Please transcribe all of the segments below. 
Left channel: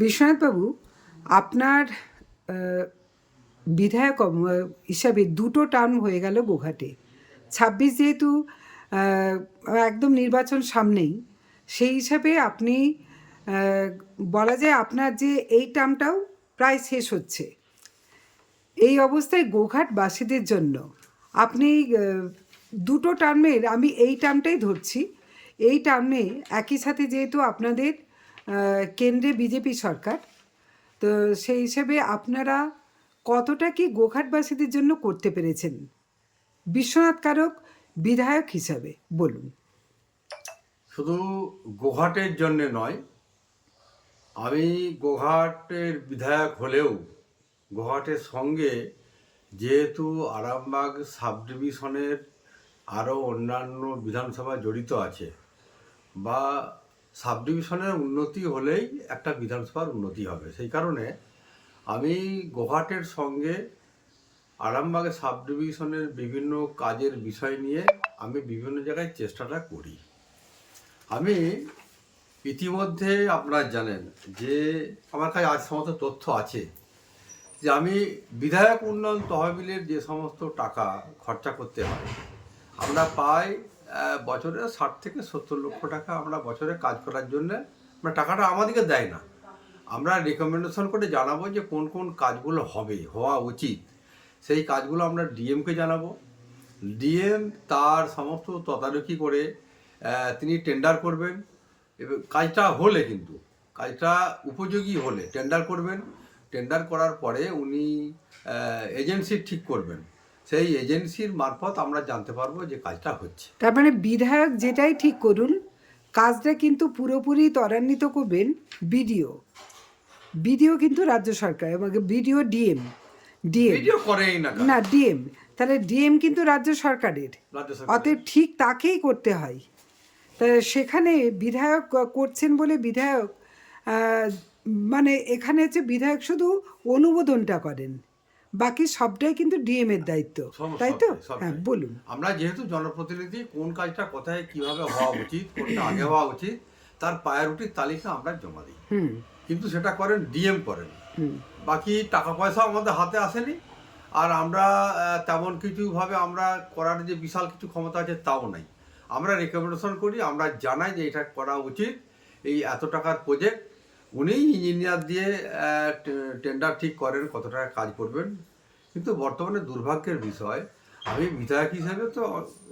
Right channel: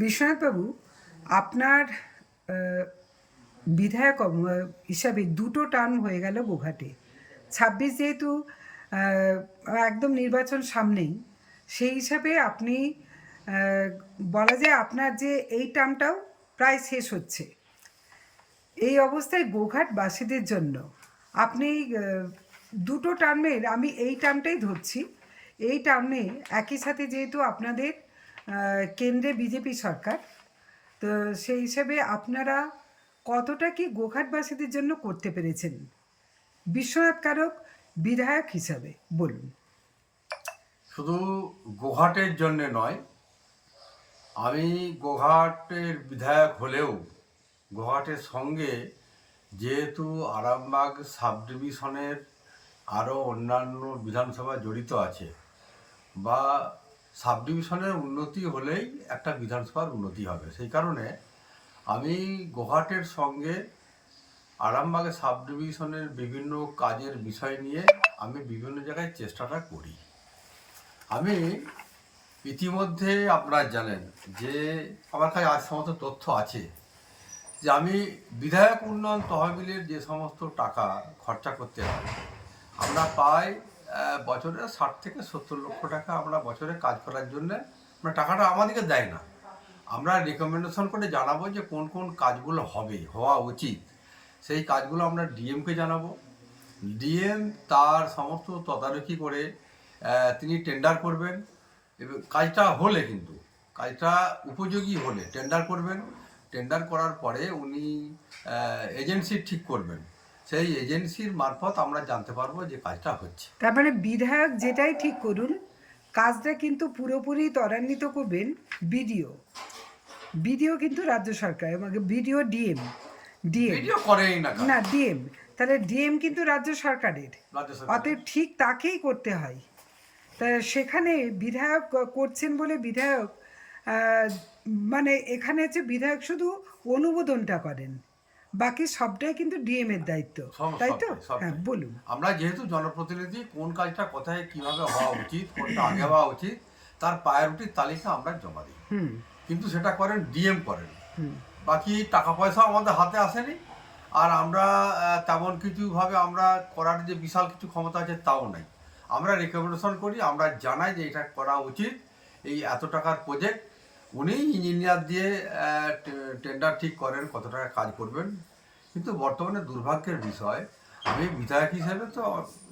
বিশ্বনাথবাবু, আপনার বিধায়ক হিসাবে দুটো টার্ম হয়ে গেল গোঘাটে। 26 যেহেতু একদম নির্বাচন সামনেই, সেই হিসাবে আপনি বলা যায় আপনার যে এই টার্মটাও প্রায় শেষ হচ্ছে। এই অবস্থায় গোঘাটবাসীদের জন্য আপনি দুটো টার্মের, আমি এই টার্মটাই ধরছি, এই টার্মে একই সাথে যেহেতু আপনাদের কেন্দ্রে বিজেপি সরকার, তো সেই হিসাবে আপনারা কতটা কি গোঘাটবাসীদের জন্য করতে পেরেছেন বিশ্বনাথ কারক বিধায়ক হিসাবে, বলুন। শুধু গোঘাটের জন্যে নয়, আমি গোঘাটের বিধায়ক হলেও গোঘাটের সঙ্গে যেহেতু আরামবাগ সাব ডিভিশনের আরও অন্যান্য বিধানসভা জড়িত আছে, বা সাব ডিভিশনের উন্নতি হলেই একটা বিধানসভার উন্নতি হবে, সেই কারণে আমি গোঘাটের সঙ্গে আরামবাগের সাব ডিভিশনের বিভিন্ন কাজের বিষয় নিয়ে আমি বিভিন্ন জায়গায় চেষ্টাটা করি। আমি ইতিমধ্যে আপনারা জানেন যে আমার কাছে আজ সমস্ত তথ্য আছে যে আমি বিধায়ক উন্নয়ন তহবিলের যে সমস্ত টাকা খরচা করতে হয়, আমরা পাই বছরে 60 থেকে 70 লক্ষ টাকা আমরা বছরে কাজ করার জন্যে, আমরা টাকাটা আমাদেরকে দেয় না, আমরা রেকমেন্ডেশন করে জানাবো যে কোন কোন কাজগুলো হওয়া উচিত, সেই কাজগুলো আমরা ডিএমকে জানাবো। ডিএম তার সমস্ত তদারকি করে তিনি টেন্ডার করবেন, এবং কাজটা হলে, কিন্তু কাজটা উপযোগী হলে টেন্ডার করবেন। টেন্ডার করার পরে উনি এজেন্সি ঠিক করবেন, সেই এজেন্সির মারফত আমরা জানতে পারবো যে কাজটা হচ্ছে। তার মানে বিধায়ক যেটাই ঠিক করুন, কাজটা কিন্তু পুরোপুরি ত্বরান্বিত করবেন বিডিও। বিডিও কিন্তু রাজ্য সরকার, এবং বিডিও ডিএম ভিডিও করেই না না ডিএম, তাহলে ডিএম কিন্তু রাজ্য সরকারের, রাজ্য সরকার। অতএব ঠিক তাকেই করতে হয়। তা সেখানে বিধায়ক করছেন বলে বিধায়ক মানে এখানে হচ্ছে বিধায়ক শুধু অনুমোদনটা করেন, বাকি সবটাই কিন্তু ডিএম এর দায়িত্ব, তাই তো? হ্যাঁ, বলুন। আমরা যেহেতু জনপ্রতিনিধি, কোন কাজটা কোথায় কিভাবে হওয়া উচিত, কোনটা আগে হওয়া উচিত, তার প্রায়োরিটির তালিকা আমরা জমা দিই, কিন্তু সেটা করেন ডিএম করেন। বাকি টাকা পয়সাও আমাদের হাতে আসেনি, আর আমরা তেমন কিছুভাবে আমরা করার যে বিশাল কিছু ক্ষমতা আছে তাও নাই। আমরা রেকমেন্ডেশন করি, আমরা জানাই যে এটা করা উচিত, এই এত টাকার প্রজেক্ট, উনি ইঞ্জিনিয়ার দিয়ে টেন্ডার ঠিক করেন কত টাকা কাজ করবেন। কিন্তু বর্তমানে দুর্ভাগ্যের বিষয়, আমি বিধায়ক হিসেবে তো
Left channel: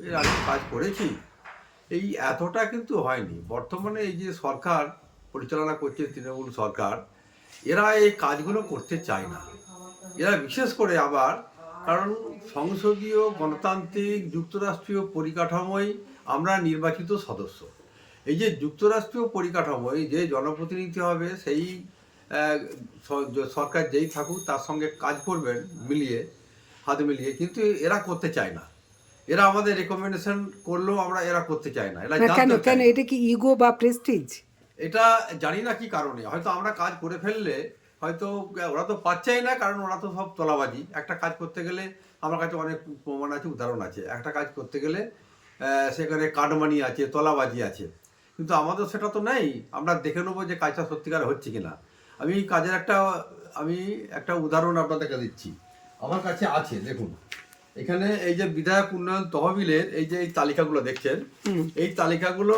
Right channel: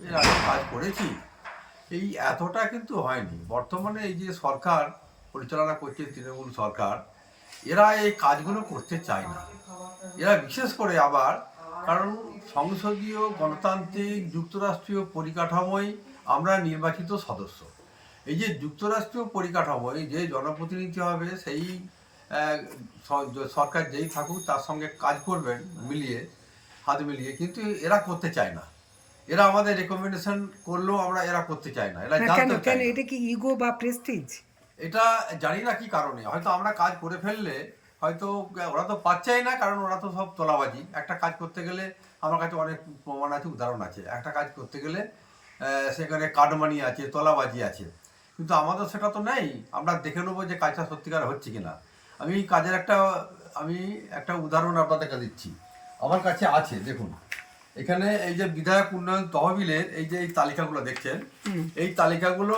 এর আগে কাজ করেছি, এই এতটা কিন্তু হয়নি। বর্তমানে এই যে সরকার পরিচালনা করছে তৃণমূল সরকার, এরা এই কাজগুলো করতে চায় না। এরা বিশেষ করে আবার, কারণ সংসদীয় গণতান্ত্রিক যুক্তরাষ্ট্রীয় পরিকাঠামোয় আমরা নির্বাচিত সদস্য, এই যে যুক্তরাষ্ট্রীয় পরিকাঠামোয় যে জনপ্রতিনিধি হবে, সেই সরকার যেই থাকুক তার সঙ্গে কাজ করবেন মিলিয়ে, হাত মিলিয়ে, কিন্তু এরা করতে চায় না। এরা আমাদের রেকমেন্ডেশন করলেও এরা করতে চায় না, এরা জানতে চায় না। এটা কি ইগো বা প্রেস্টিজ? এটা জানি না কি কারণে, হয়তো আমরা কাজ করে ফেললে হয়তো ওরা তো পাচ্ছেই না, কারণ ওরা তো সব তোলাবাজি। একটা কাজ করতে গেলে আমার কাছে অনেক প্রমাণ আছে, উদাহরণ আছে, একটা কাজ করতে গেলে সেখানে কাটমানি আছে, তোলাবাজি আছে, কিন্তু আমাদের সেটা তো নেই। আমরা দেখে নেবো যে কাজটা সত্যিকার হচ্ছে কিনা। আমি কাজের একটা উদাহরণ আপনাদেরকে দিচ্ছি, আমার কাছে আছে, দেখুন এখানে এই যে বিধায়ক উন্নয়ন তহবিলের এই যে এই তালিকাগুলো দেখছেন, এই তালিকাগুলো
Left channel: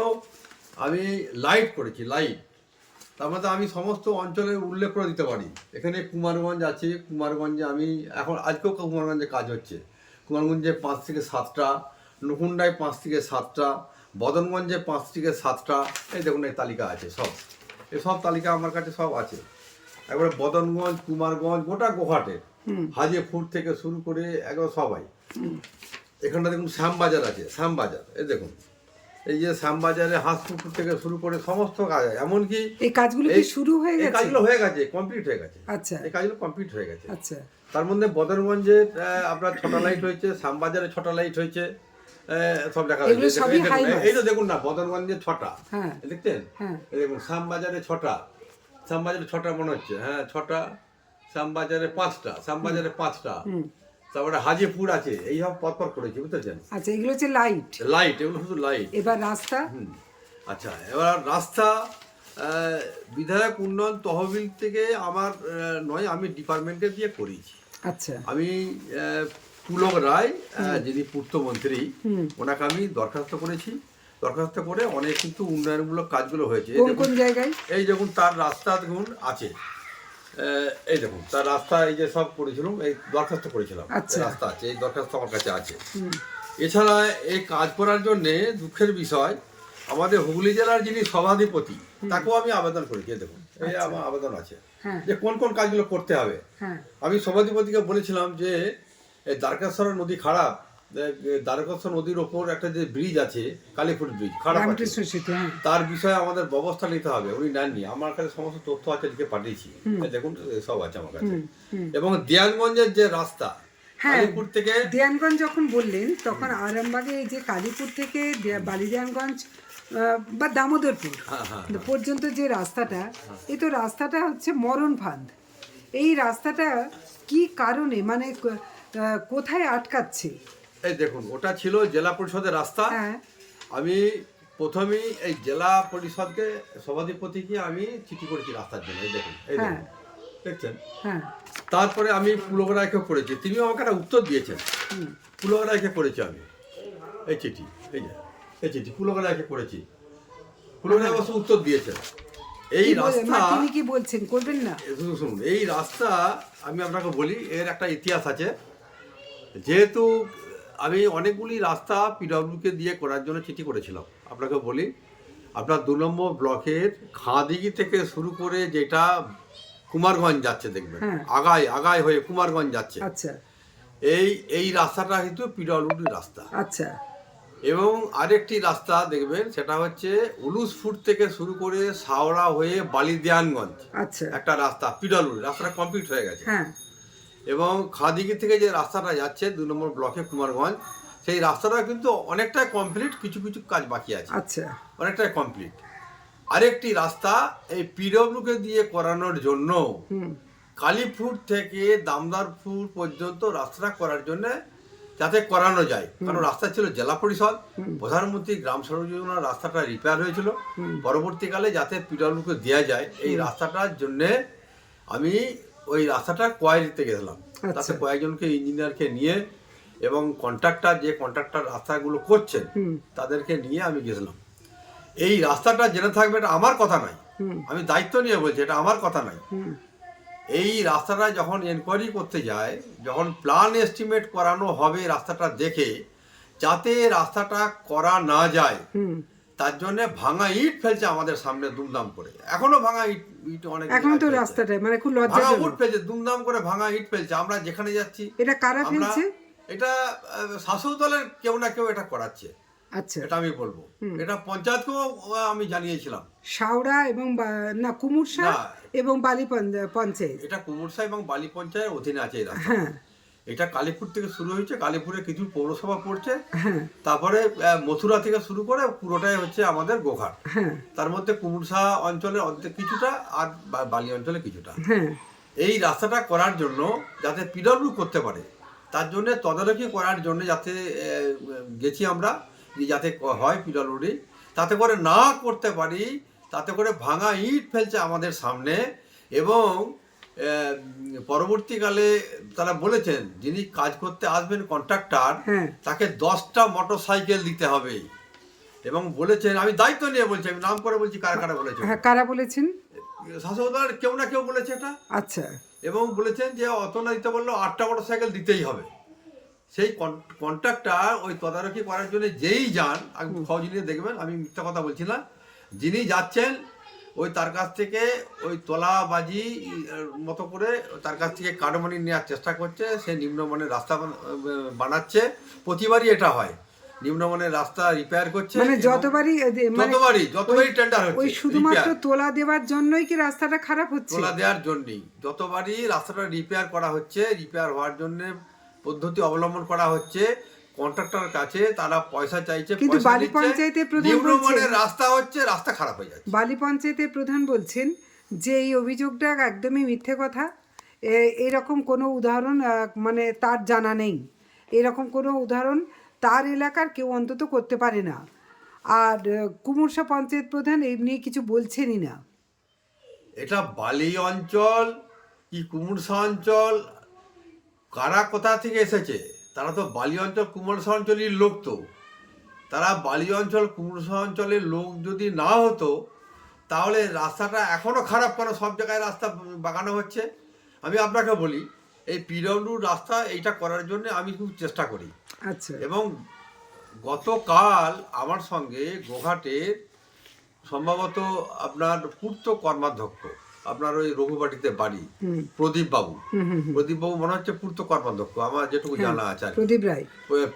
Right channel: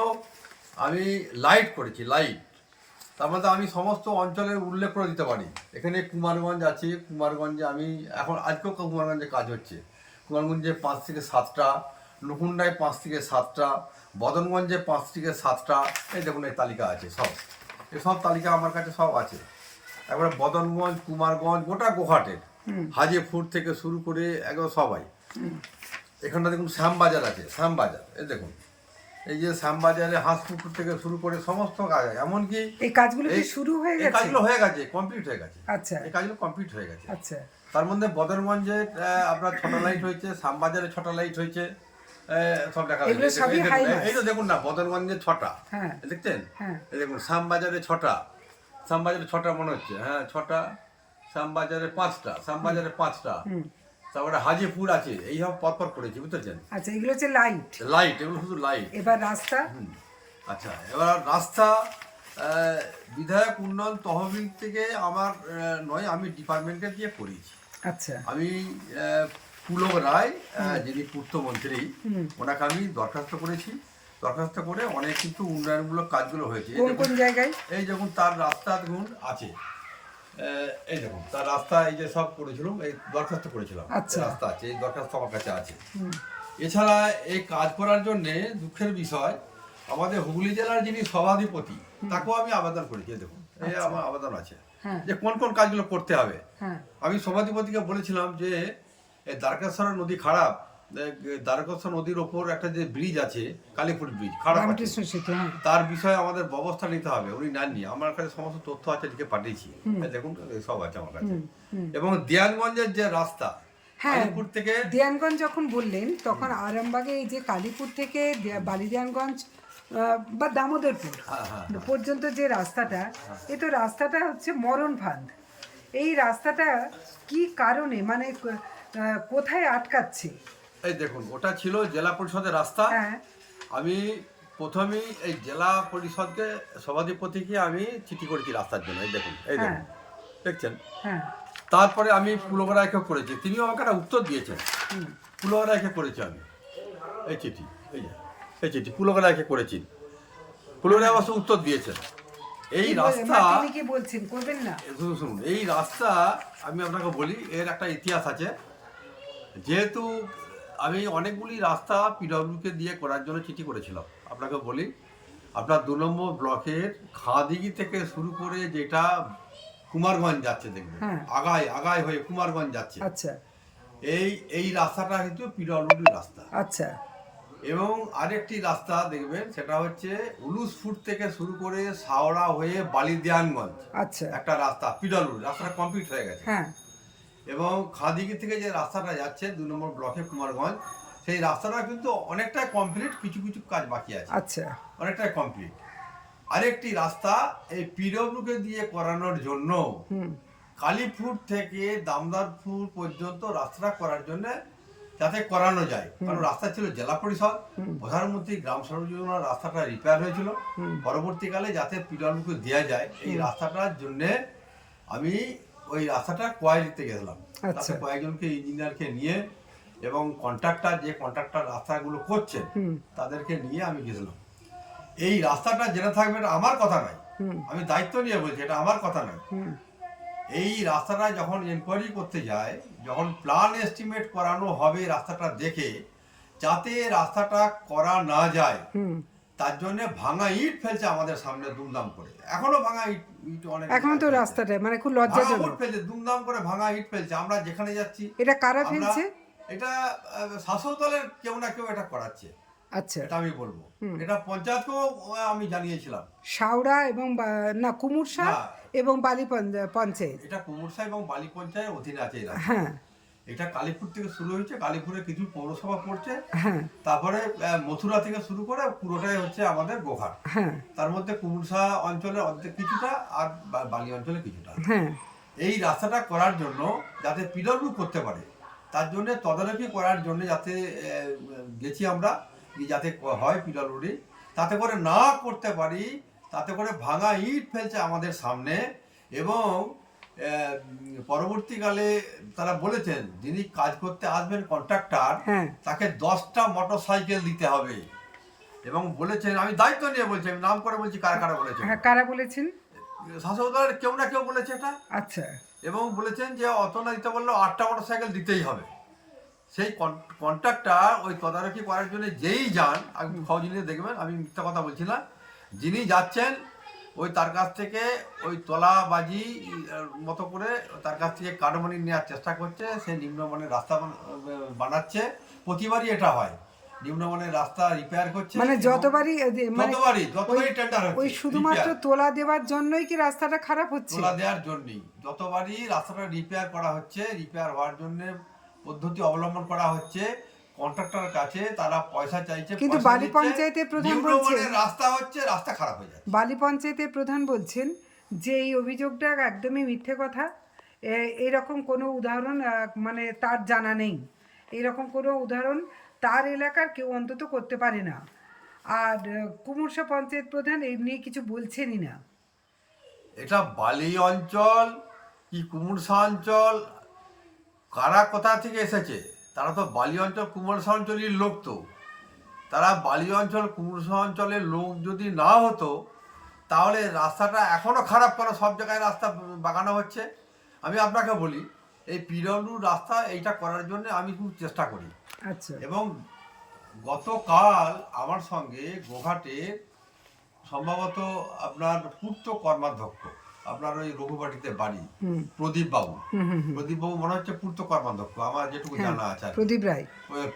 আমি লাইট করেছি, লাইট। তার মধ্যে আমি সমস্ত অঞ্চলের উল্লেখ করে দিতে পারি। এখানে কুমারগঞ্জ আছে, কুমারগঞ্জে আমি আজকেও কুমারগঞ্জে কাজ হচ্ছে, কুমারগঞ্জে 5 থেকে 7টা, নকুন্ডায় 5 থেকে 7টা, বদনগঞ্জে 5 থেকে 7টা, এই দেখুন এই তালিকা আছে সব, এসব তালিকা আমার কাছে সব আছে। একবারে বদনগঞ্জ, কুমারগঞ্জ, গোটা গোঘাটের, হাজিপুর থেকে শুরু করে একদম সবাই। এখানটা দেখুন শ্যামবাজার আছে, শ্যামবাজার, এই দেখুন এই যে শ্যামবাজারে হাঁসপুকুর থেকে শুরু করে সমস্ত কাজ, এমনকি এই কাজগুলো কি শুরু হয়ে গেছে? এই কাজগুলো হয়ে গেছে, কমপ্লিট হয়ে গেছে। আচ্ছা, এই কাজগুলো কমপ্লিট হয়ে গেছে। আচ্ছা। তার মধ্যে বদরগঞ্জে আপনার 6টা লাইট হয়েছে, শ্যামবাজারে 6টা লাইট হয়েছে, সব দেখা এগুলো সবই হাই মার্কস। এই তো দেখুন না, বদরগঞ্জে 6টা, হ্যাঁ, দেখতেন? হ্যাঁ। এই দেখুন শ্যামবাজারে 6টা, শ্যামবাজারে 6টা মনে হচ্ছে, হ্যাঁ 6টা, শ্যামবাজারে 5টা, শ্যামবাজারে 5টা, তারপরে হাজিপুর আছে, এই সব পরপর করেছি, বুঝতেছেন? আচ্ছা, এগুলো হচ্ছে লাইট, লাইট, এগুলো শুধু লাইট। এবার রাস্তা। আচ্ছা, এবার রাস্তা বিধায়ক উন্নয়ন তহবিল থেকে আমার নয়, আমি ডিপার্টমেন্টে দিয়ে করেছি। আচ্ছা। আমি পুলক রায়, যিনি পূর্তমন্ত্রী, ওনাকে আমি দরখাস্ত করেছি। দরখাস্ত করে অনেক কিন্তু উন্নয়নমূলক কাজগুলো হয়েছে। কোন কোন জায়গায়? এই দেখুন তার রাস্তা দেখুন আছে, এই দেখুন তার রাস্তা, এই যে সব করেছিলাম, এই দরখাস্ত করেছিলাম, আচ্ছা। রাস্তা আছে, এই দরখাস্ত আমার কাছে আছে। এছাড়া এই কাজ করার জন্যে দুঃখের বিষয়, আমাদের হুগলি জেলার যিনি সভাধিপতি, তাকেও আমি আবেদন করেছি। এই দেখুন এই আমার আবেদন আছে হ্যাঁ। যে কোন কোন কাজগুলো করতে হবে। হ্যাঁ। আমি সভাধিপতিকে বলেছিলাম যে এই দ্বারকেশ্বর নদী খারাপ, দ্বারকেশ্বর নদীর ওপর একটা যে ব্রিজ আছে, কালীপুর ব্রিজ খারাপ আছে, রামকৃষ্ণ সেতু, হ্যাঁ। তার বিষয়ে আমাদের ব্যবস্থা নিতে হবে। উনি নেননি, আমার কাছে সমস্ত তথ্য আছে, লিখে পাঠিয়েছি, এই দেখুন সব আছে আমার কাছে। এবং দেয়ানগঞ্জের যে রাস্তা, হ্যাঁ, কালীপুর থেকে দেয়ানগঞ্জ যখন বললেন তখন আরামবাগে এই যে কালীপুর থেকে বালিদেয়ানগঞ্জ বা দামোদরপুর পর্যন্ত যে রাস্তাটা, এ তো রাস্তাটা হচ্ছে মরণ ফাঁদ। এই রাস্তাটা কি কারণে, মানে কোথায় আটকাচ্ছে? এই দেখুন ওটা ছিল জেলা পরিষদের রাস্তা। হ্যাঁ। আমি প্রথমেই এই জেলা পরিষদকে, সভাধিপতিকে আমি চিঠি করেছি রাস্তার জন্য। এই দেখুন, এই দেখুন, দেখছেন। হ্যাঁ। তারপরে আমি পুলক রায়কে করেছি, তিনিও আমাকে একটা উত্তর দিয়েছেন। পুলক রায়কে করেছি আমি এই চিঠি, এই যে এই চিঠি পুলক রায়কে করেছি। পুলক রায় অবশ্য উত্তর দিয়েছেন। এই রাস্তা, তিনি কি বলছেন করবেন না? শুনুন, এই রাস্তা আমি আপনাকে বলি, এর একটা ইতিহাস আছে। যেহেতু আমি অনেকগুলি রাস্তা পিডব্লিউকে দিয়ে করার জন্য চিঠি করেছিলাম, আপনাকে বলি, আপনার 2 নম্বর ব্লকের খাঁদিঘি থেকে শুরু করে যেটা কুমারগঞ্জ যাচ্ছে, দেখবেন আগায় আগায় হয়ে কুমারগঞ্জ যাচ্ছে। আচ্ছা। এই রাস্তাটা কিন্তু পিডব্লিউডি রাস্তা। আচ্ছা। এবং আরেকটি রাস্তা দেখবেন, সেটা হচ্ছে উলুসফুট থেকে শুরু করে সাওড়া হয়ে বালিদেয়ানগঞ্জ, আচ্ছা। একটা রাস্তা পিডব্লিউডি, রাস্তাটা কমপ্লিট হয়ে গেছে। হ্যাঁ। এবং খাদিগি থেকে যে রাস্তাটা যাচ্ছে 2 নম্বর ব্লকে কুমারগঞ্জ, সেই রাস্তাটা কিন্তু অনেকটাই কমপ্লিট, কিছু কিছু কাজ বাকি আছে। আচ্ছা। অনেকটাই কমপ্লিট। আরেকটি রাস্তা এই পিডব্লিউকে দিয়ে করানোর জন্য কালীপুর থেকে দামদারপুর পর্যন্ত রাস্তাটা করার জন্য, যাতে করানো যায়, কারণ রাস্তা ছিল জেলা পরিষদ, প্রধানমন্ত্রী গ্রাম সড়ক যোজনার রাস্তাটা রিপেয়ার হয়েছিল, পরবর্তীকালে যাতে পিডব্লিউকে দেওয়া যায়, এই রাস্তাটার জন্যে আমি ওই রাস্তাটা কোয়ারিতে গেছিলাম। তাতে কয়েকজনকে ইঞ্জিনিয়ারকে নিয়ে এবং যে কন্ট্রাক্টর রাস্তাগুলো করছেন তাদেরকে নিয়ে আমি গেছিলাম। এই রাস্তাটা জেনে থাকবে, এটা আমার কথা নয়, আমি দায়িত্ব নিয়ে বলছি, এটা আমার কথা নয়। এই রাস্তাটা যখন এনকোয়ারি করতে যায়, যখন প্ল্যান এস্টিমেট করানো হবে রাস্তাটা দেখে, যাতে রাস্তাটা করা না যায়, তার জন্য ভাঙা ইট ফেলছে আমাদের সামনে দুমদাম করে। এখনো ভাঙা ইট অনেক, এখনো তো রাস্তাটা মানে খুব লজ্জাজনক ফেলছে, দুমদাম করে ভাঙা ইট ফেলছে। আমরা যেখানে যাচ্ছি, এটা কারা ফেলছে? এটা শাসক দলের কেউ না কেউ এটা করাচ্ছে। আচ্ছা। এটা আমি বলবো, এটা পঞ্চায়েতকেও আমি জানিয়েছিলাম। সাউড়া এবং না কুমুরসা এবং বালি পঞ্চায়েত, এটা কুমুরসা এবং বালি পঞ্চায়েত অধীনে আছে এই রাস্তা। হ্যাঁ। এটা কালীপুর থেকে শুরু হয়েছে, কালীপুরে কিছু পৌরসভা পড়ছে, তারপরে মথুরা থেকে শুরু করে পুরোটাই হচ্ছে আমাদের গোঘাট। তার মধ্যে কুমুরসা অঞ্চলে অর্ধেক কিছুটা, আর বালি অঞ্চলে কিছুটা। এই রাস্তাটা করার জন্য যাতে পিডব্লিউ করতে পারে, তার জন্য তদারকি করার জন্য যাতে গেছি আমরা, যাতে হয় পিডব্লিউডি, তাতে করে না করতে পারি, তাতে করে ভাঙা ইট ফেলছে আমাদের সামনে। এবং পরবর্তীকালে তারা বলেছেন, যিনি কাজ করতে আসবেন কন্ট্রাক্টর, তাকে 10টা মোটরসাইকেল দিতে হবে। এবং বলেছেন, আমি দায়িত্ব নিয়ে বলছি, আমি নাম করে বলছি কারা কারা বলেছেন। কারা বলেছেন? শাসক দলের কেউ না কেউ বলেছে এটা। আচ্ছা। এবং বলেছেন যে অত না দিতে বললো 8টা মোটরসাইকেল দিতেই হবে। সেই কন্ট্রাক্টর ওই তদারকি করার জন্য যেই যান, খোঁজ নিয়ে দেখবেন, আমি মিথ্যা কথা বলছি না, যিনি যাচ্ছেন ওই তার কাছ থেকে ওই তোলাবাজি মতো করে তার কাছ থেকে কাটমানি নেওয়ার চেষ্টা করছে। সে নিম্নমানের রাস্তা বানাচ্ছে, প্রতিবারই এটা হয়, নিম্নমানের রাস্তা রিপেয়ার করছে। মানে যতবারই টেন্ডার হচ্ছে, ওই শুধুমাত্র তোলা দেওয়ার জন্যই কি রাস্তাটা খারাপ হচ্ছে? তোলা দেওয়ার জন্যই যতবারই রাস্তাটা রিপেয়ার করা হচ্ছে, রিপেয়ার হওয়ার জন্য পদ্ধতি অবলম্বন করা হচ্ছে কন্ট্রাক্টর কাছে, তারা পয়সা চাইছে। কিন্তু বালি পঞ্চায়েতের প্রধান বলছেন রাস্তা হচ্ছে, রাস্তা খারাপ হয়ে যাচ্ছে। বালি পঞ্চায়েতের প্রধান বলছেন যে এই অভিযোগটা একদমই মিথ্যে কথা, এরকম কোনো উদাহরণ মানে তার জানা নেই, এরকম কোনো উদাহরণ তার এলাকার কেউ অন্তত করতে পারে না। আর কুমুরসা পঞ্চায়েত প্রধান এই নিয়ে কিছু বলছেনই না। এটা বালি অঞ্চল কি কুমুরসা অঞ্চল, কারা কোথা থেকে এসেছে? তারা তো বালি অঞ্চল কুমুরসা অঞ্চলের লোক, তো তারা বালি অঞ্চল কুমুরসা অঞ্চলের লোক যদি না হতো তাহলে রাস্তাটা এখনও খারাপ কেন? সব জায়গায় রাস্তা বাগানো হচ্ছে। আমি আপনাকে বলি, এই পিডব্লিউ রাস্তা এইটা করার জন্য আমি খুব চেষ্টা করি। আচ্ছা। এবং গতকাল আমার সঙ্গে গোঘাটের সম্ভবত আপনার পূর্ত কর্মাধ্যক্ষ, আপনার ওই রঘুবাটিতে বাড়ি, হুম প্রদীপ বাবু, হুম হুম হুম। প্রদীপ বাবু মনে হচ্ছে পূর্ত কর্মাধ্যক্ষ, আমার যেটুকু হ্যাঁ, জানা আছে আর কি। প্রদীপ রায়।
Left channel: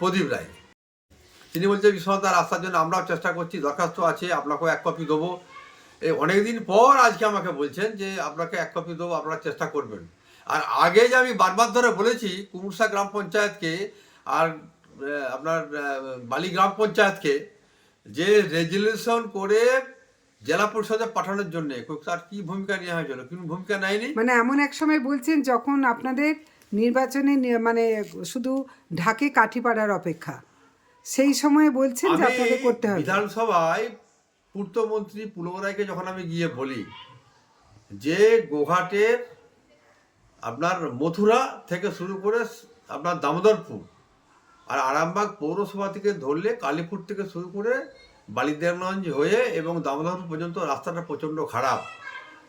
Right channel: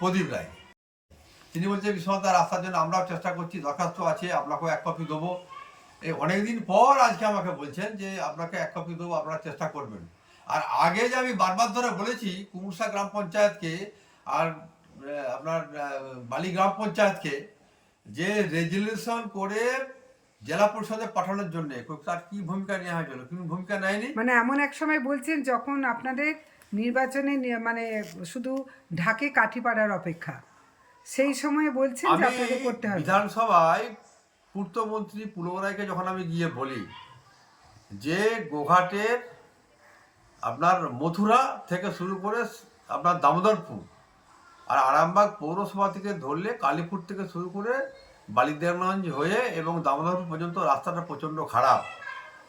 প্রদীপ রায়, তিনি বলছেন বিশ্বনাথ রাস্তার জন্য আমরাও চেষ্টা করছি, দরখাস্ত আছে, আপনাকেও এক কপি দেবো। এই অনেকদিন পর আজকে আমাকে বলছেন যে আপনাকে এক কপি দেবো, আপনারা চেষ্টা করবেন। আর আগে যে আমি বারবার ধরে বলেছি কুমুরসা গ্রাম পঞ্চায়েতকে আর আপনার বালি গ্রাম পঞ্চায়েতকে যে রেজুলেশন করে জেলা পরিষদে পাঠানোর জন্য, তার কি ভূমিকা নেওয়া হয়েছিল? কিন্তু ভূমিকা নেয়নি। মানে এমন এক সময় বলছেন যখন আপনাদের নির্বাচনে মানে শুধু ঢাকে কাঠি পাড়ার অপেক্ষা, সেই সময় বলছেন যে আমি আপনাকে করতে হবে। বিধানসভায় পূর্তমন্ত্রী পুলরায়কে যখন আমি গিয়ে বলি যে গোঘাটের আপনার মথুরা থেকে শুরু করে আপনার দামোদরপুর আর আরামবাগ পৌরসভা থেকে ধরলে কালীপুর থেকে শুরু করে বালিদেবগঞ্জ হয়ে এবং দামোদরপুর পর্যন্ত রাস্তাটা প্রচণ্ড খারাপ,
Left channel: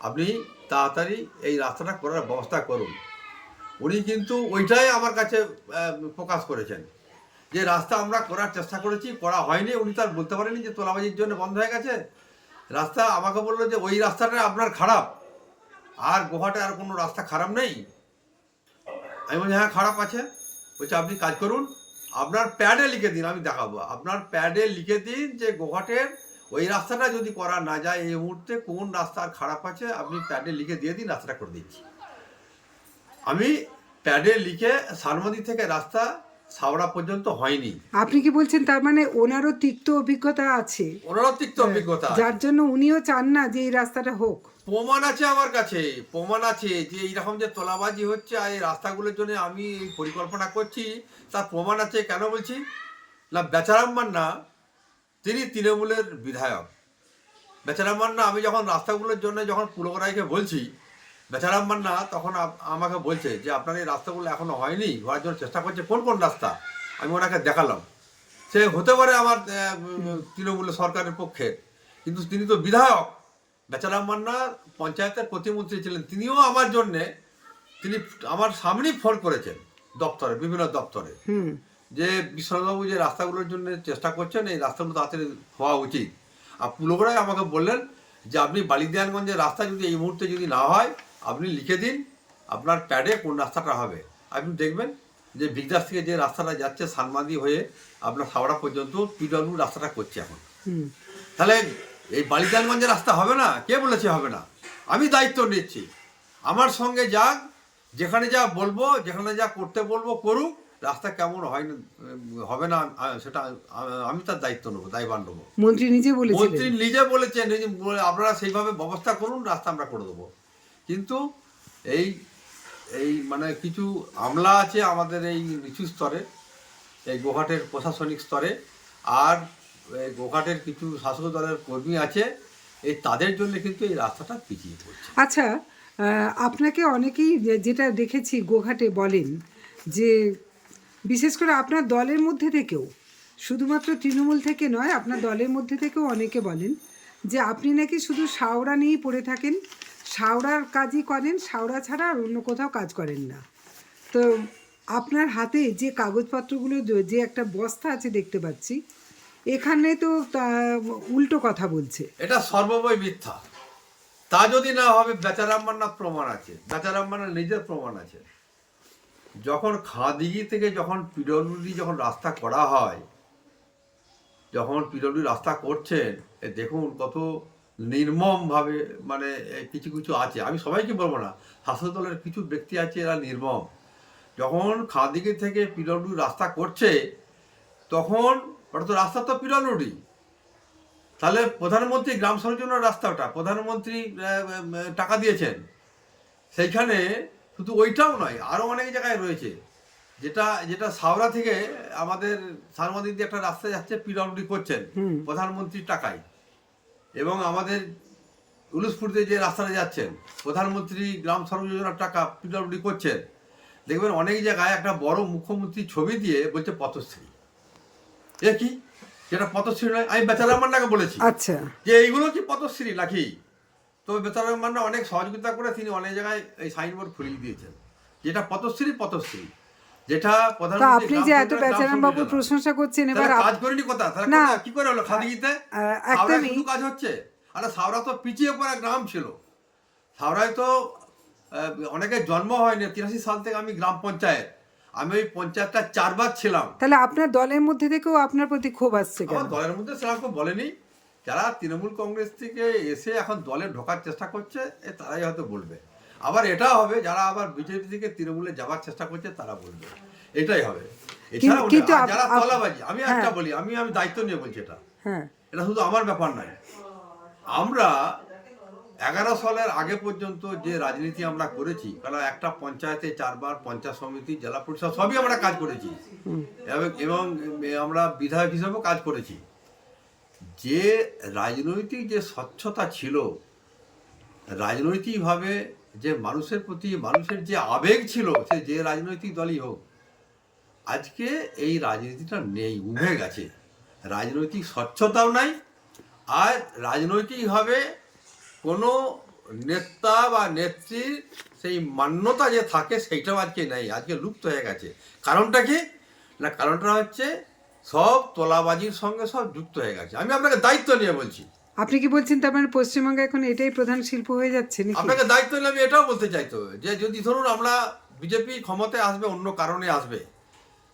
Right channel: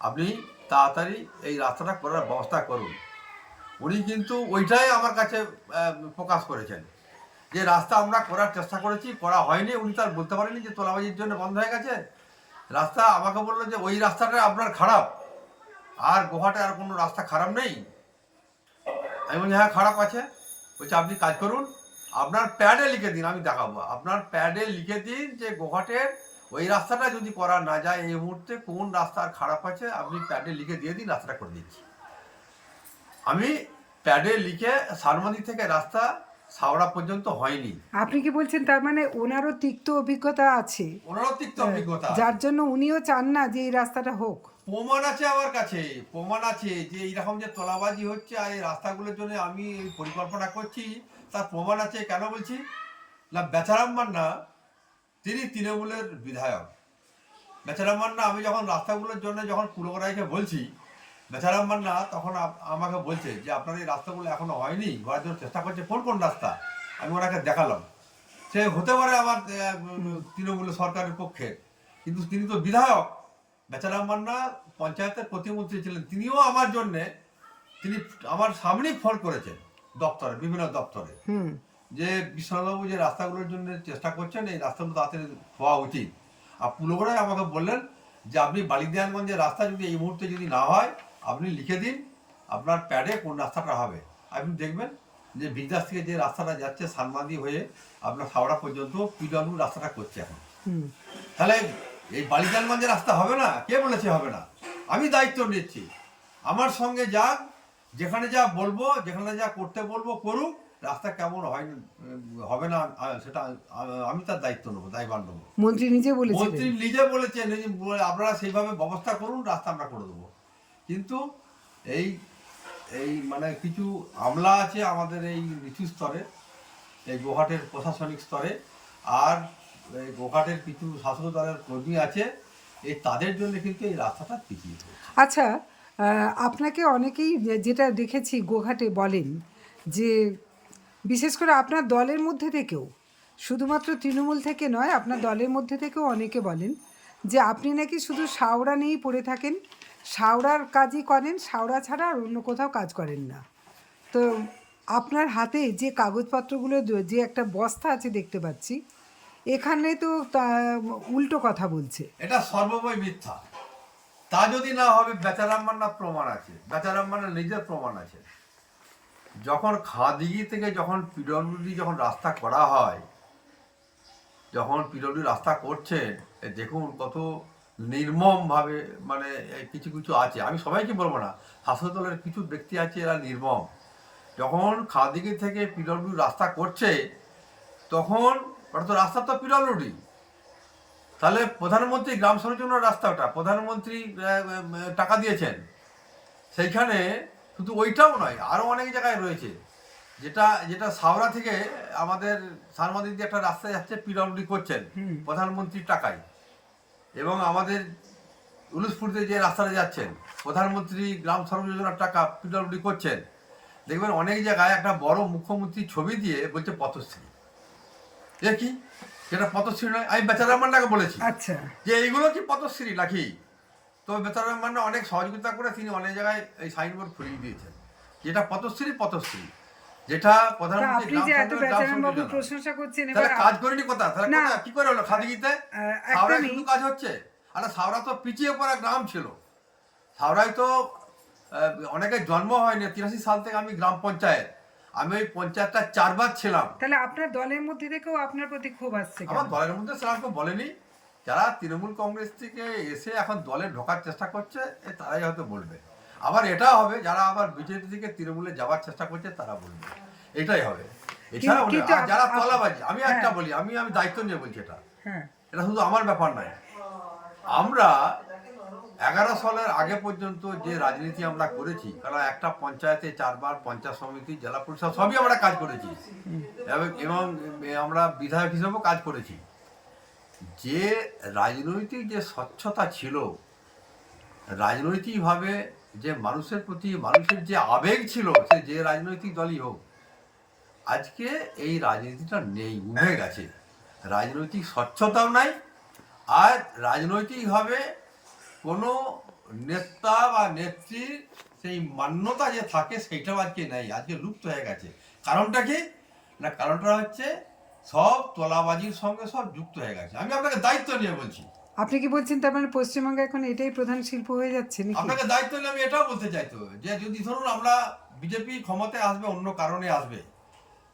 আপনি তাড়াতাড়ি এই রাস্তাটা করার ব্যবস্থা করুন। উনি কিন্তু ওইটাই আমার কাছে প্রকাশ করেছেন যে রাস্তা আমরা করার চেষ্টা করেছি, করা হয়নি। উনি তার বলতে পারেনি যে তোলাবাজির জন্য বন্ধ হয়ে গেছে রাস্তা। আমাকে বললো যে ওই রাস্তাটা আপনার খারাপ, আর গোহাটে আর কোনো রাস্তা খারাপ নেই। আমি বলছি হ্যাঁ খারাপ আছে। বলছে আপনি কাজ করুন, আপনার প্যাডে লিখে দিন, আমি দেখাবো। আপনার প্যাডে লিখে দিন যে গোঘাটের ওই রাস্তাটা যদি করা না যায় এই মুহূর্তে কোন রাস্তা আর খারাপ আছে, আপনি প্যাডে লিখে দিয়ে দিন, রাস্তাটা করে দিচ্ছি। আমি প্যাডে লিখে সারমদি থেকে রাস্তা সাওড়া পর্যন্ত হয়নি। আপনি কি বলছেন তার মানে ওনারও তিক্ত অভিজ্ঞতা আছে, ওনারও তিক্ত অভিজ্ঞতা আছে। যার জন্য উনিও চান না যে এই রাস্তাটা হোক? প্রমাণ আছে আমার কাছে, প্রমাণ আছে যে এইরকম যে তোলাবাজি হচ্ছে আর এই রাস্তাগুলোর জন্য আমি এই পরিকল্পনা করছি, তার প্রমাণ আছে। কেন বলছি না, বেচারাম মান্না তিনি তৃণমূলের বিধায়ক। বেচারাম মান্না, আমি যখন রাস্তাগুলোর জন্য যখন পুলরায়কে বলছি, বেচারাম মান্না তখন আমাকে বলছে যে আপনার এই রাস্তাগুলো এখনো হয়নি, হওয়ার জন্য চেষ্টা করছে। কোন কোন রাস্তা আমি ওনাকে দেখালাম। সে হতে পারে আমার তৃণমূলের সরকারের পক্ষে, কিন্তু তিনি তো বিধায়ক। বেচারাম মান্না পঞ্চায়েতের প্রতিমন্ত্রী ছিলেন, তিনিও আমার জন্যে তিনি আমার সামনেই ফোন করেছেন দপ্তরে, বিভিন্ন দপ্তরে, হুম। যে বিশ্বনাথবাবু যে রাস্তাগুলোর জন্য চেষ্টা করছেন এই রাস্তাগুলো তাড়াতাড়ি হওয়া উচিত। আর পুলরায় আমাকে বললেন যে আপনি বালিদেয়ানগঞ্জের রাস্তা যদি এই মুহূর্তে যদি না হয় আপনি লিখে দিন আপনার প্যাডে কোন রাস্তাটা হবে। আপনি দেখবেন যে বিগদাস থেকে যে রাস্তাটা যাচ্ছে সানমাদি হয়ে আপনার হাওড়া পর্যন্ত পিডব্লিউ রাস্তাটা করছে এখন। হুম। তাহলে এই বালিজানগঞ্জের রাস্তা হবে না? কে বলেছে হবে না? আমি দায়িত্ব নিচ্ছি। আমার সঙ্গে যাক, যেখানে যা বলবো, যেখানে যা করতে বলবো করুক। রাস্তা কেমন হয় না হবে না সেটা আমি তার দায়িত্ব নেবো, দায়ভার নেবো। মন্ত্রী নিজে বলেছিলেন। মন্ত্রী নিজে বলেছেন আপনারা সেইভাবে ব্যবস্থা করুন, রাস্তা আমরা করে দেবো। কিন্তু এই এই মানে কিছু আমলা আছে আমাদের এই নিচু স্তরে, এই গোঘাটের প্রশাসনিক স্তরে, আর এই গোঘাটের কিছু শাসক দলের কর্মী আছে, এই তাদের জন্য কিন্তু এই রাস্তাটা পিছিয়ে পড়ছে। আচ্ছা, আপনাকে অনেকেই যেটা দেখেছি গোঘাটে বলেন যে বিশেষ করে আপনার দলের মধ্যে থেকেও, শুধুমাত্র তৃণমূল থেকে নয়, আপনার দলের মধ্যে থেকেও অনেকে বলেন যে আপনি নাকি শুধু শাওড়া নিয়েই পড়ে থাকেন, শাওড়ার কাজই করেন, শাওড়া ছাড়া আর অন্য কোথাও কাজ করেন না। তো আপনার হাতে যে কাগজপত্রগুলো যে একটা বস্তা আছে দেখতে পাচ্ছি, এখানে তো উল্টো কথা বলছে। এটা সর্বময় মিথ্যা। তা যদি না হবে, বেচারাম মান্নার প্রমাণ আছে, বেচারাম মান্নার নিজের প্রমাণ আছে। যখন খাদিগি থেকে যখন পিডব্লিউডি যখন রাস্তা করা হয়, যখন পিডব্লিউ রাস্তা করছেন, দেখুন কত নির্মমভাবে, মানে কিছু কিছু আছে, আমি সবাইকে বলবো না, শাসক দলের কিছু ব্যক্তি আছে এরা নির্মম। যখন খাদিগি থেকে পিডব্লিউ রাস্তা করছে তখন ওটা তো রাস্তা তো পিডব্লিউডি, তাহলে প্রধানমন্ত্রী গ্রাম সংযোজনের রাস্তা, ওটা প্রধানমন্ত্রী টাকা দিয়েছেন। সেইখানে শুধু ওইটাও নয়, আরও অনেক জায়গায় রয়েছে যেটা যেটা সাওরা থেকে আমাদের সারমাদির দিয়ে একটা রাস্তা যাচ্ছে, পিডব্লিউডি করছেন প্রধানমন্ত্রীর টাকায়, এবং আমাদের উলুসপুরতে যে রাস্তাটা যাচ্ছেন প্রধানমন্ত্রী গ্রাম সড়ক যোজনার টাকা পিডব্লিউডি করছেন। দেখবেন অনেক জায়গায় একটা বড় মুখ্যমন্ত্রীর ছবি দিয়ে বলছে পথশ্রী। এ কি, যেটা পথশ্রী নয়। আমি বেচারা রহমানটাকে বলেছি আচ্ছা, যে এইগুলো কি পথশ্রী নাকি। তো বেচারা রহমানরা অনেক সহযোগিতা করে তিনি অনেক জায়গায় এই সাইনবোর্ড ফুরিয়ে দিয়েছেন, যেটা পথশ্রী পথশ্রী, যেটা তো প্রধানমন্ত্রী আপনি যে এত বেচারাম বাবুর প্রশংসা করছেন, এবার কাজ করেনি কথা, তাহলে না, কি করে হলো খাদিতে? হাওড়ায় একদমই শুধু কাজ হচ্ছে। আরে হাওড়া তো পিছিয়ে পড়া গ্রাম ছিল। হাওড়ায় তো অনেকের জন্ম হয়নি। 83 সাল থেকে আমি গ্রাম পঞ্চায়েত, আমি ওই পঞ্চায়েতটা 4 বার ছিলাম। তাহলে আপনার দলের মধ্যে থেকেও আপনার প্রতি ক্ষোভ আসছে কেন? আমার দলের মধ্যে সেরকম কেউ বলেনি। যারা তৃণমূল কংগ্রেস থেকে এসে এখন দলে ঢোকার চেষ্টা করছে তারাই হয়তো বলবে। আবার এটা হবে যারা আবার বিজেপি থেকে তৃণমূলে যাওয়ার চেষ্টা করছে তারা বলবে, এটাই হবে। এছাড়া কিন্তু যারা তলাবাজি, আমি একটা বলি, আমি দায়িত্ব নিয়ে বলছি, হ্যাঁ, এটা শুধু আমার ব্যাপার নয়। আমরা 11 সালের আগে পর্যন্ত যে রাজনীতি আমরা করেছি, কারণ একটা পঞ্চায়েতে 4 বার পঞ্চায়েত সমিতি, জেলা পরিষদ সবই আমরা কাজ করেছি, এবং আমরা বিধায়ক হিসেবেও কাজ করেছি। যে রাজনৈতিক যে স্বচ্ছতা ছিল, রাজনৈতিকভাবে যে মানুষের প্রতি মানুষের যে আবেগ ছিল, সে যে রাজনৈতিক দলই হোক, আজকে এই রাজনীতিটা নেই, উঠে গেছে। রাজনৈতিক স্বচ্ছতাও নাই, আর রাজনৈতিকভাবে কোনো নেতা বা নেত্রীর সেই মান্যতা যে থাকে সেইটাও আজকে নেই, আজকে লুপ্ত হয়ে গেছে। কারণটা কি না, কারণটা হচ্ছে সব তোলাবাজির সঙ্গে সব যুক্ত হয়ে গেছে। আমি আপনাকে দায়িত্ব নিয়ে বলছি। আপনি কি বলছেন তার মানে পশ্চিমবঙ্গে এখন এটাই প্রধান শিল্প হয়ে যাচ্ছে নাকি? আপনাকে দায়িত্ব নিলে আমি এটাও বলতে চাইতো যে যদি ধরুন আমরা বিজেপি ক্ষমতায় আসবে, অন্য কারণে আসবে,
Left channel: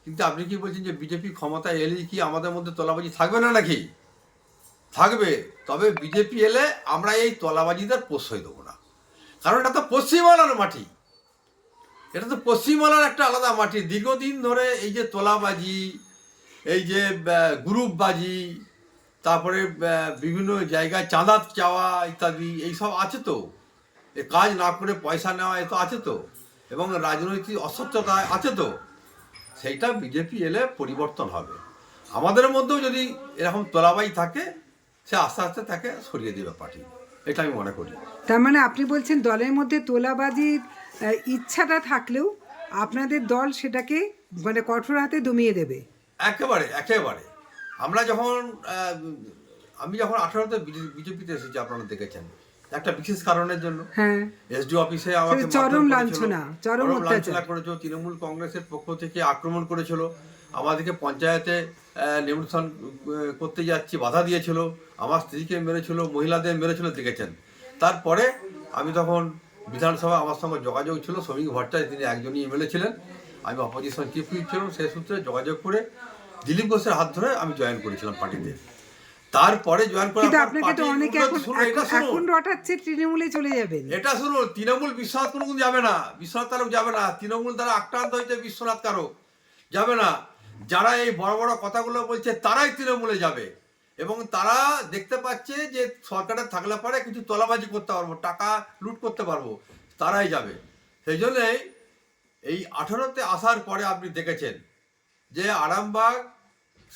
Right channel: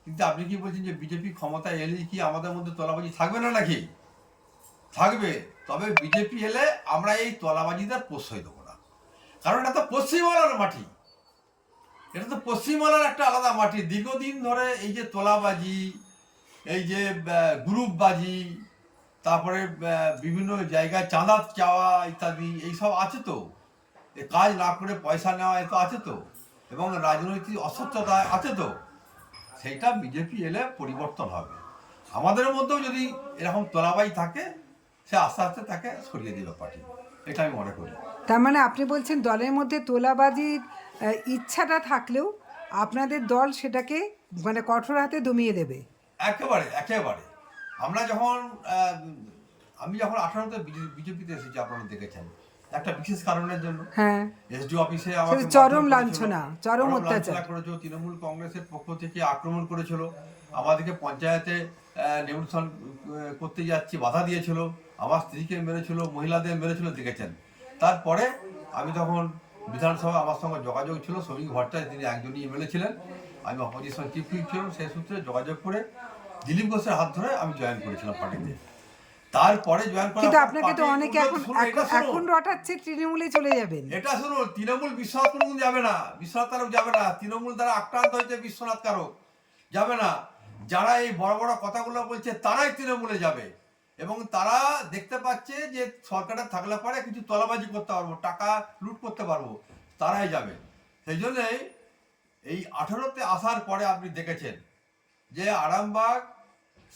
কিন্তু আপনি কি বলছেন যে বিজেপি ক্ষমতায় এলেই কি আমাদের মধ্যে তোলাবাজি থাকবে না নাকি? থাকবে। তবে বিজেপি এলে আমরা এই তোলাবাজিদের প্রশ্রয় দেবো না, কারণ এটা তো পশ্চিমবাংলার মাটি, এটা তো পশ্চিমবাংলার একটা আলাদা মাটি। দীর্ঘদিন ধরে এই যে তোলাবাজি, এই যে গ্রুপবাজি, তারপরে বিভিন্ন জায়গায় চাঁদা চাওয়া ইত্যাদি এইসব আছে তো, এ কাজ না করে পয়সা নেওয়া এ তো আছে তো, এবং রাজনৈতিক অস্বচ্ছতা আছে তো। সেইটা বিজেপি এলে পরিবর্তন হবে। আমাদের মধ্যেও যদি এরকম তোলাবাজি থাকে, সে আস্তে আস্তে তাকে সরিয়ে দেবে পার্টি, এটা আমি মনে করি। তার মানে আপনি বলছেন দলের মধ্যে তোলাবাজির ইচ্ছাটা থাকলেও আপনাদের দল সেটাকে মানে কঠোর হাতে দমিয়ে দেবে। একেবারে একেবারে। আমরা যখন আমি যখন 18তে বিজেপিতে এসেছি, আপনারা দেখেছেন একটা বিশেষ কারণের জন্য। হ্যাঁ, এসডি অফিসে আমাকে সেটা চরম মারধর লাঞ্ছনা, করেছিল, চরম অত্যাচার। করেছিল। তৃণমূল কংগ্রেসের পক্ষ থেকে আক্রমণ করেছিল, আমাদেরকে পঞ্চায়েতে নিমন্ত্রণ করতে যাচ্ছি বাধা দিয়েছিল, আমার স্ত্রীকে মেরেছিল, মহিলাদের মেরেছিল, দেখেছেন। তারপরে আমি তখন বিধানসভা, আমার সঙ্গে যোগাযোগ ছিল শ্রমিক ভট্টাচার্য, তিনি একজনই এমএলএ ছিলেন, আমি অপোজিশন চিফ হুইপ ছিলাম। সেই সূত্রে যোগাযোগ করে দিলীপ ঘোষের হাত ধরে আমি জয়েন করেছিলাম পার্টিতে। তারপরে জয়েন করার কিন্তু পর আপনাকে তো অনেকে এখন রটাচ্ছে তৃণমূলে চলে যাবেন। এটা শুনুন, তৃণমূল বিশ্বনাথ কোনোদিন যাবে না, বিশ্বনাথ তালুক যাবে না, তৃণমূল দ্বারা আক্রান্ত হয়েছে বিশ্বনাথ কারক যাবে না। যারা এই বড় বড় কথাগুলো বলছে তারাই তৃণমূলে যাবে, এবং তারা দেখতে পাচ্ছে যে সরকারের থাকলে পরে কিছু তলাবাজি করতে পারবো, টাকা লুট করতে পারবো, তারাই যাবে। সেই জন্যেই এই 18তে আসার পরে আপনি দেখেছেন যে আরামবাগ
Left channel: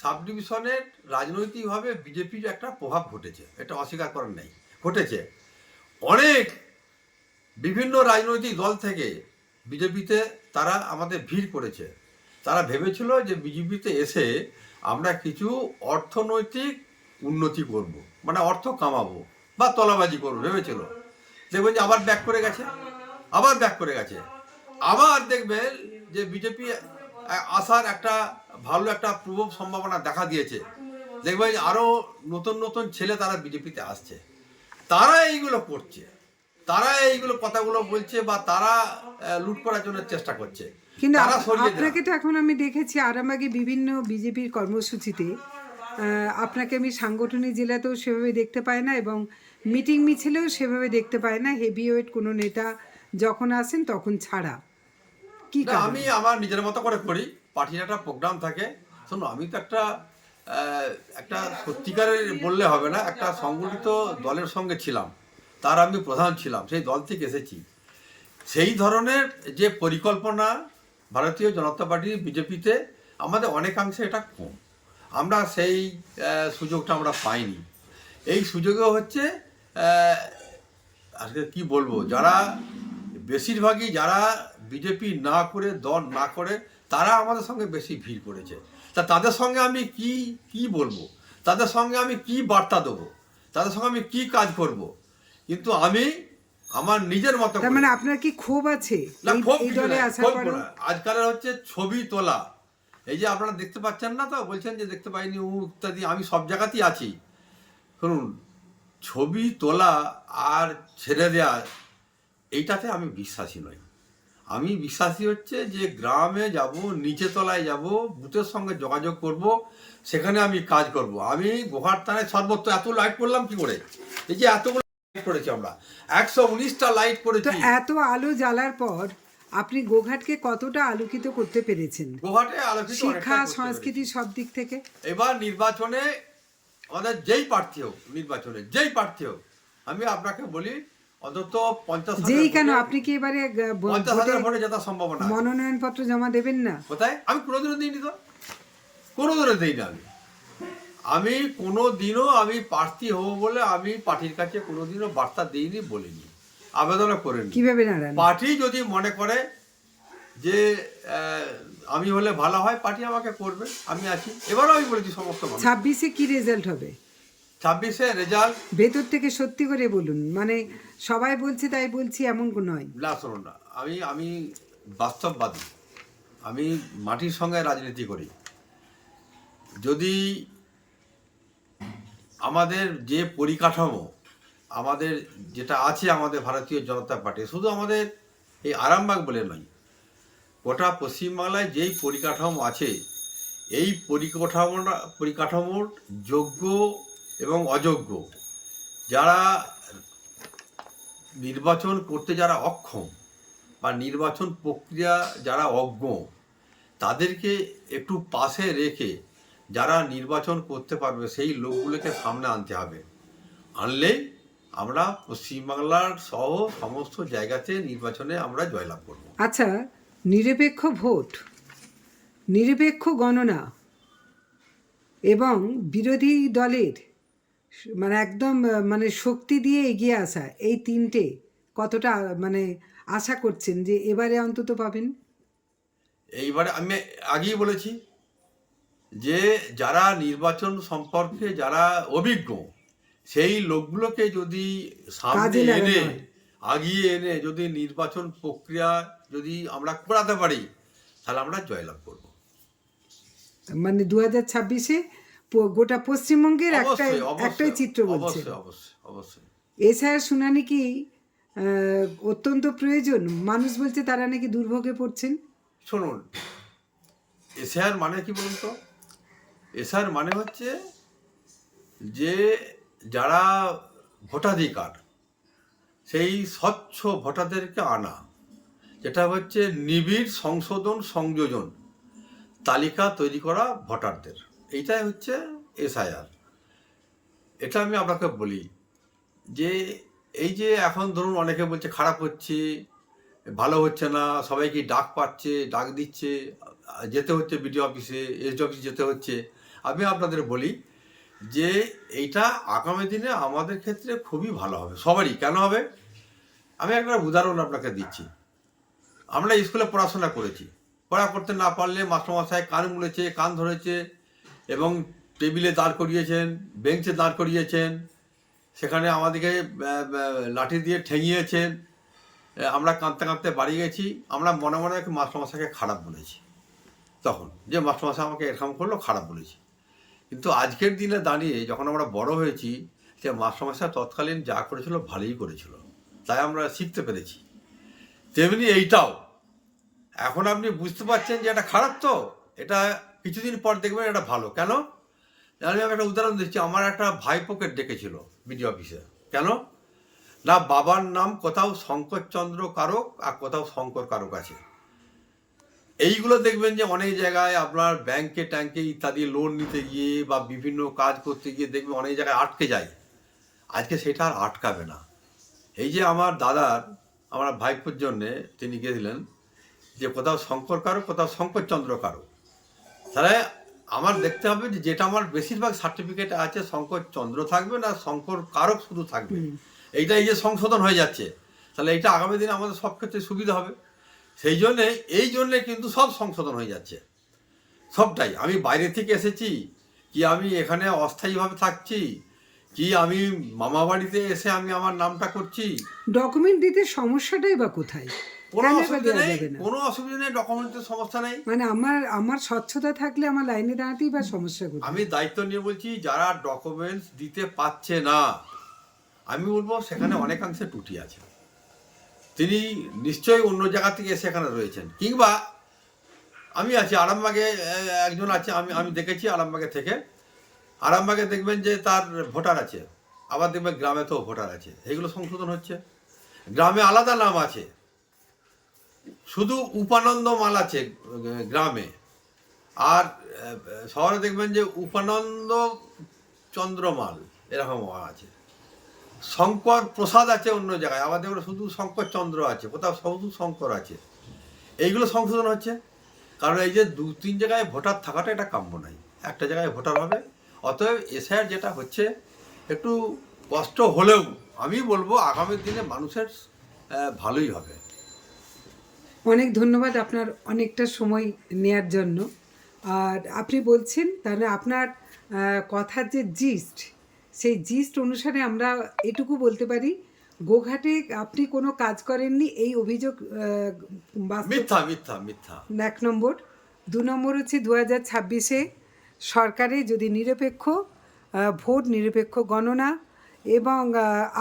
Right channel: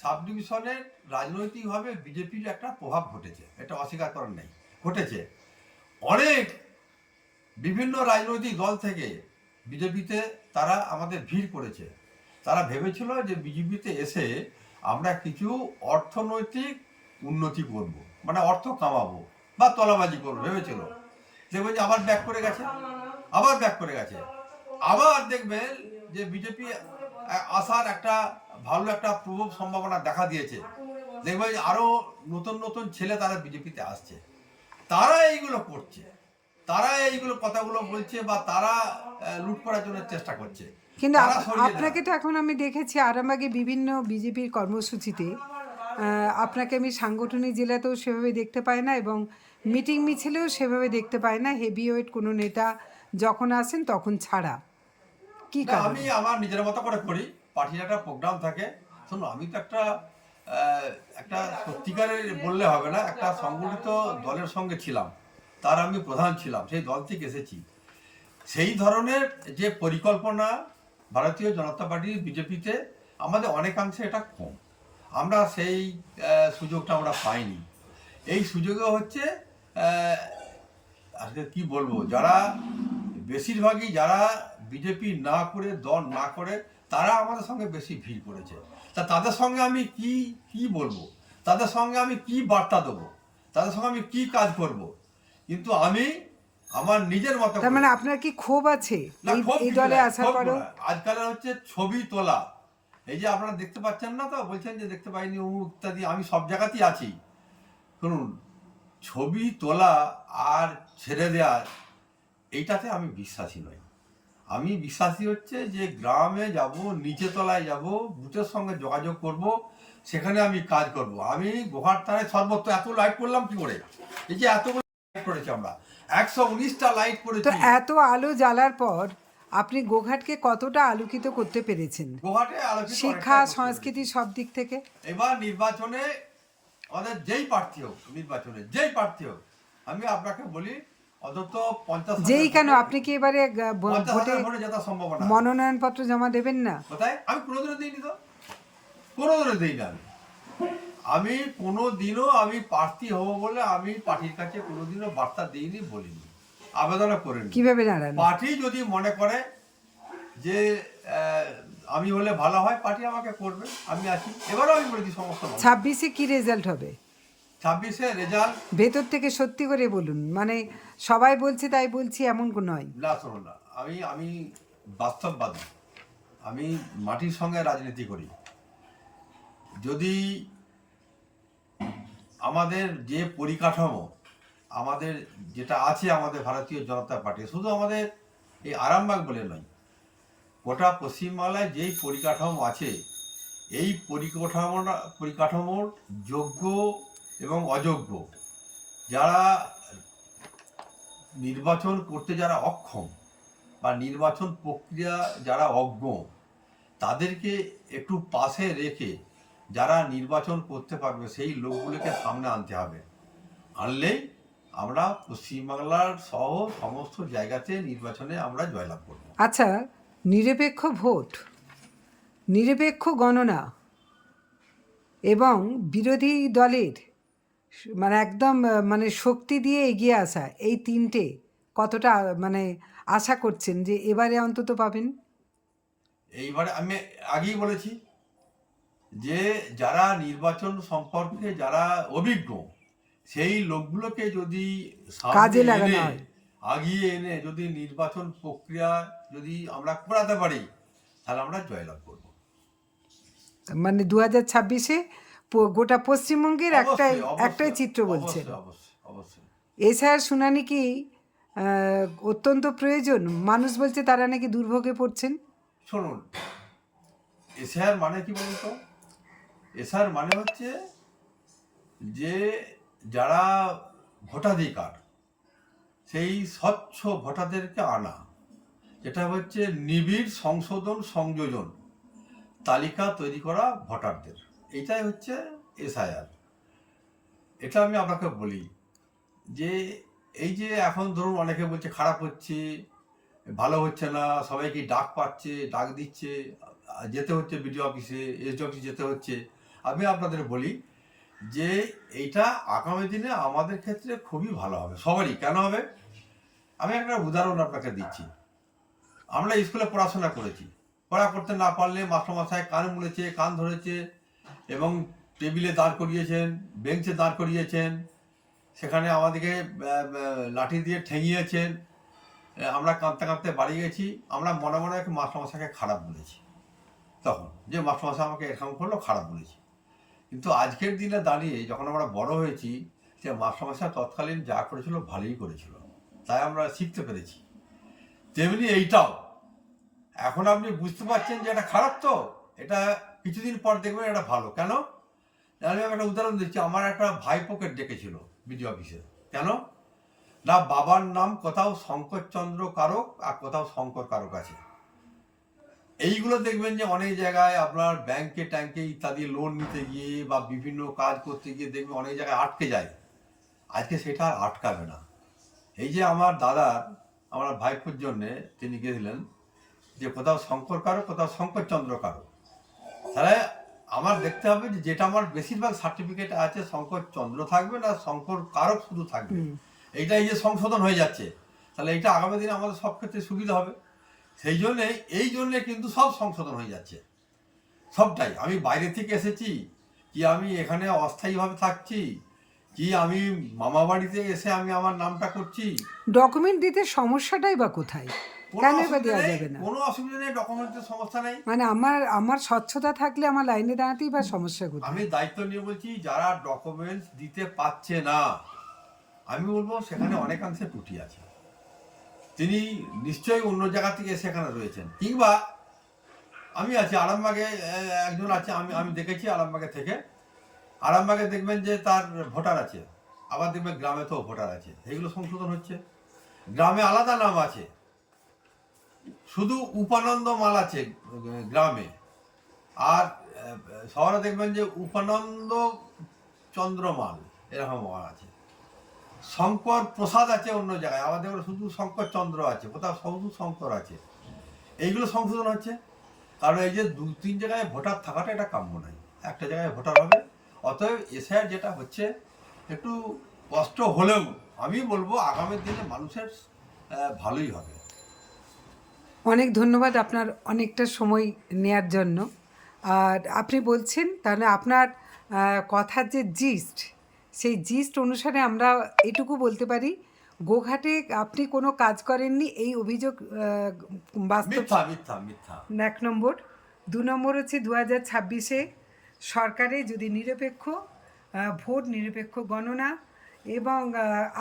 সাব ডিভিশনের রাজনৈতিকভাবে বিজেপির একটা প্রভাব ঘটেছে, এটা অস্বীকার করার নেই, ঘটেছে। অনেক বিভিন্ন রাজনৈতিক দল থেকে বিজেপিতে তারা আমাদের ভিড় করেছে। তারা ভেবেছিল যে বিজেপিতে এসে আমরা কিছু অর্থনৈতিক উন্নতি করব, মানে অর্থ কামাবো বা তলাবাজি করবো ভেবেছিল। দেখবেন যে আবার ব্যাক করে গেছে, আবার ব্যাক করে গেছে। আবার দেখবেন যে বিজেপি আসার একটা ভালো একটা প্রবল সম্ভাবনা দেখা দিয়েছে। দেখবেন যে আরও নতুন নতুন ছেলে তারা বিজেপিতে আসছে, তারা এইগুলো করছে, তারা এইগুলো কথাগুলো বলছে, বা তারা লুট করার জন্য চেষ্টা করছে। কিন্তু আপনাকে তো এখন আমি দেখেছি আরামবাগে বিভিন্ন বিজেপির কর্মসূচিতে, আপনাকে আমি সাংগঠনিক জেলাতেও সেভাবে দেখতে পাই না, এবং মিটিং মিছিলেও সেভাবে দেখতে পাই না, হেভিওয়েট কোনো নেতা যখন আসেন তখন ছাড়া। কি না, আমি আমার নিজের মতো করে করি, পার্টির একটা প্রোগ্রাম থাকে। শুনুন, আমি তো একটা সত্যিকারের বললে হবে না, একটা সংগঠিত দলের সঙ্গে ছিলাম, তার আমি প্রধান ছিলাম, সেই দল থেকে এসেছি। সেই ধরনের যে পরিকল্পনা ভারতীয় জনতা পার্টি বিজেপিতে আমাদের অনেকাংশে এটা কম, আমরা সেই সুযোগটা আমরা পাইনি। এই সুযোগে হচ্ছে আজকে কি বলবো, যারা বেশিরভাগই যারা বিজেপি না করে দল না করে তারা আমাদের সঙ্গে বেশি ভিড় করেছে। তা তাদের সঙ্গে আমি কি কি বলবো, তাদের সঙ্গে আমি কি বার্তা দেবো, তাদের সঙ্গে আমি কি কাজ করব, কিন্তু আমি আমার নিজের মতো তার মানে আপনার কি ক্ষোভ আছে না, এই ক্ষোভ এই কিছু দলে নাই, আসার ক্ষোভ পরও? না। আজকালের হচ্ছে ছবি তোলা, এই যে আপনারা দেখতে পাচ্ছেন না, তো বলছেন যে দেখতে পাইনি ও ইত্যাদি, আমি সব জায়গাতেই আছি। শুনুন, ছবি তোলা আর ছেড়ে দেওয়া এইটাতে আমি বিশ্বাসী নই। আমি বিশ্বাসী হচ্ছে যে গ্রামে যাব, নিচে তলায় যাব, বুথের সঙ্গে যোগাযোগ করব, সেখানে আমি কাজ করব। আমি গোহার থানায় সর্বত্র এত লাইট করলাম কি করে, এই যে এতগুলো লাইট করেছি আমরা, 119টা লাইট তো করেছি। এত আলো জ্বালার পর আপনি গোঘাটকে কতটা আলোকিত করতে পেরেছেন গোহাটে আলোকিত শিক্ষা অনেকটাই করতে সংস্কৃতি পেরেছি। সব দিক থেকে? এবার নির্বাচনে আমাদের যেই প্রার্থী হোক, নির্বাচনে যেই প্রার্থী হোক, আমি আপনাকে বলি অন্তত 50,000 যেই কেন ভোটে, আপনি কি এবারে 50,000 ভোটে জেতার সম্ভাবনা আছে। মনোনয়নপত্র জমা দেবেন না? কোথায়? আমি কোনোদিনও দিইনি, তো কোনোদিনও দিইনি। আমি কোনোদিনও আমি প্রার্থী হব বলে আমি পার্টির কাছে কোনোদিনও বার্তা দিইনি, বলিনি, আবেদনও করিনি। কিভাবে দাঁড়ান? পার্টি যদি মনে করে যে আমি হলে ভালো হয়, পার্টি আমাকে করবে, আমি আছি। এবারও আমি বলেছি সমস্ত মানুষ, 26-এ কি রেজাল্ট হবে? 26-এ রেজাল্ট। ভেতর থেকে সত্যি করে বলুন, মানে সবাই বলছে তাই বলছি এমন নয়। না শুনুন না, আমি আমি বাস্তববাদী, আমি মাটির সঙ্গে রাজনীতি করি। যদি আমাদের যে পরিকাঠামো আমাদের যেটা আছে, আমাদের ভারতীয় জনতা পার্টি, শুধু আমাদের এই আরামবাগ বলে নয়, গোটা পশ্চিমবাংলায় যেই পরিকাঠামো আছে, এই পরিকাঠামোর যোগ্য এবং অযোগ্য, যারা নির্বাচন করতে যারা অক্ষম বা নির্বাচন প্রক্রিয়া যারা অজ্ঞ, তাদেরকে একটু পাশে রেখে যারা নির্বাচন করতে পারবে সেই লোকগুলোকে সামনে আনতে হবে। আনলেই আমরা পশ্চিমবাংলার সহ সমস্ত জায়গাতে নির্বাচনে আমরা জয়লাভ করব। আচ্ছা, নিরপেক্ষ ভোট, নিরপেক্ষ গণনা এবং বিরোধী দলের মানে একদম মানে শক্তি দিয়ে এগিয়ে আসা, এই তিনটে কতটা মানে আশা করছেন যে এবারে অন্তত পাবেন? এইবারে আমি আগেই বলেছি যে যারা নির্বাচন সম্পর্কে যারা অভিজ্ঞ, সেই লোকগুলোকে যদি সামনে কাজে লাগানো এনে, হয়। আগিয়ে এনে যদি নির্বাচন প্রক্রিয়া যদি আমরা করাতে পারি, তাহলে আমরা জয়লাভ করব। মানে 2026-এ গোটা পশ্চিমবঙ্গের একটাই অবশ্যই, অবশ্যই, একটাই চিত্র বলছেন। অবশ্যই, অবশ্যই, অবশ্যই। এছাড়া শুনানি কি অত্যন্ত প্রয়োজন? মানুষ বলছে তারা নাকি দুর্ভোগে পড়ছেন। শুনুন, এসআর মানে কি বলুন তো? এসআর মানে হচ্ছে যে যারা ভোটাধিকার, সেই স্বচ্ছ ভোটারদেরকে আনা, যেটা হচ্ছে নিবিড় সংশোধন সংযোজন তালিকা তৈরি করা ভোটারদের, এইটাই হচ্ছে এসআইআর। এটা আমি আপনাকে বলি যে এই যে এখন ধরুন অনেকে বলছে খারাপ হচ্ছে, ভালো হচ্ছে না, সবাইকে ডাক পাচ্ছে, ডাক দিচ্ছে, যেতে হচ্ছে বিডিও অফিসে, এসডি অফিসে যেতে হচ্ছে। আমি আপনাদের বলি যে এইটা আগামী দিনে আমাদের ক্ষেত্রে খুবই ভালো হবে, সবারই। কেন হবে? আমি একটা উদাহরণ আপনাকে দিচ্ছি। আমরা স্কুলে পড়াশোনা করেছি, পড়া করতে না পারলে মাস্টারমশাই কান মুড়েছে, কান ধরেছে এবং টেবিলে দাঁড় করিয়েছেন, বেঞ্চে দাঁড় করিয়েছেন, সেখানে আমাদেরকে লাঠি দিয়ে ঠেঙিয়েছেন। আমরা কাঁদতে কাঁদতে বাড়ি গেছি, আমরা মনে মনে এক মাস্টারমশাইকে খারাপ বলেছি, তখন যে মাস্টারমশাই আমাকে এরকম করলো, খারাপ বলেছি। কিন্তু আজকের দিনে দাঁড়িয়ে যখন আমরা বড় হয়েছি, যে মাস্টারমশাই তৎকালীন যা করেছিল ভালোই করেছিল, তাই আমরা শিখতে পেরেছি। তেমনি এইটাও এখন আপনি বুঝতে পারছেন যে এটা খারাপ, তো এটা কিছুদিন পর দেখবেন এটা ভালো। কেন? আমি একটা উদাহরণ দিচ্ছি। আমার একটা ভাইপোকে ডেকেছিল বিডিও অফিসে। কেন না, বাবার নাম কোথাও শঙ্করচন্দ্র কারক আর কোথাও শঙ্কর কারক আছে। এইগুলো দেখবেন যে অনেক জায়গায় আপনার ব্যাংকে ট্যাঙ্কে ইত্যাদি লোন নিতে গিয়ে বা বিভিন্ন কাজ করতে গিয়ে দেখবেন অনেক জায়গায় আটকে যায়। আজকে সেটা আর আটকাবে না। এই যে আমার দাদার, আমার ভাইপোর জন্যে তিনি গেছিলেন যে কোথাও শঙ্কর কারো, কোথাও শঙ্করচন্দ্র কারো। তাহলে আমার দেখতে হবে যে যেটা আমার বেশিরভাগ সার্টিফিকেট আছে শঙ্করচন্দ্র থাকবে না শঙ্কর কারক শুধু থাকবে। এইটা এই যে সংশোধন হয়ে যাচ্ছে, তাহলে এইটা আগামী দিনে আমাদের সব ক্ষেত্রে সুবিধা হবে। এই জন্যে কিন্তু সব সংশোধন হয়ে যাচ্ছে, সবটাই। আমি বাইরে থেকে এসেছি কি আমি এখানে অস্থায়ীভাবে থাকছি কি আমি মামা বাড়িতে এসে আমি আমার নামটা করছি, ডকুমেন্ট দিতে সমস্যাটাই বা কোথায়? কেন বা দেওয়া যাবে না? কোনো অসুবিধা নেই, ডকুমেন্টের সমস্যা নেই। মানে আমার স্বচ্ছতা থাকলে আমার লাইনে দাঁড়াতেই বা সমস্যা কোথায়? আমি দায়িত্ব নিয়ে বলছি, যারা ডকুমেন্টস দিতে পারছে না, আমি বলবো সেখানে অনেকাংশে ত্রুটি আছে। তিনি নিশ্চয়ই অন্য জায়গা থেকে এসে এখানে রয়েছেন, কিংবা আমি আছি আরামবাগে, একজন আছে, আমি দেখেছি আরামবাগে থেকে। আরামবাগে দেখবেন যে তার ভোটার আছে, আবার দেখবেন গ্রামে তো ভোটার আছে, এগুলো সংশোধন হচ্ছে। গ্রামে আলাদা নাম আছে, শুধু উপানন্দ মাল আছে গ্রামে, আর শহরে দেখবেন যে উপানন্দ চন্দ্রমাল এরকম আছে। শঙ্কর প্রসাদ আছে অন্য জায়গায়, আবার দেখবেন শুধু শঙ্কর চন্দ্র আছে, কোথাও শুধু শঙ্কর আছে। এইগুলো সংশোধন হচ্ছে, কারণ এই যে 2-3 জায়গায় ভোটার থাকাটা এটা কাম্য নাই, একটা জায়গায় ভোটার হবে। অতএব এসআইআর যেটা হচ্ছে একটু কষ্ট হলেও আমি বলবো আগামী দিনে মানুষের ভালোই হবে। অনেক ধন্যবাদ আপনার অনেকটা সময় নেয়ার জন্য। আর আপনি বলছেন তাহলে আপনার কথার যে জিস্ট, সেই জিস্ট অনুসারে আমরা এটুকু বলতে পারি, গোঘাটে আপনি কোনো কাজ করেননি, এই অভিযোগ বাস্তব। মিথ্যা মিথ্যা মিথ্যা। 1 নম্বর। 2 নম্বর হচ্ছে 2026-এ সরকারে যদি নিরপেক্ষ ভোট, নিরপেক্ষ গণনা এবং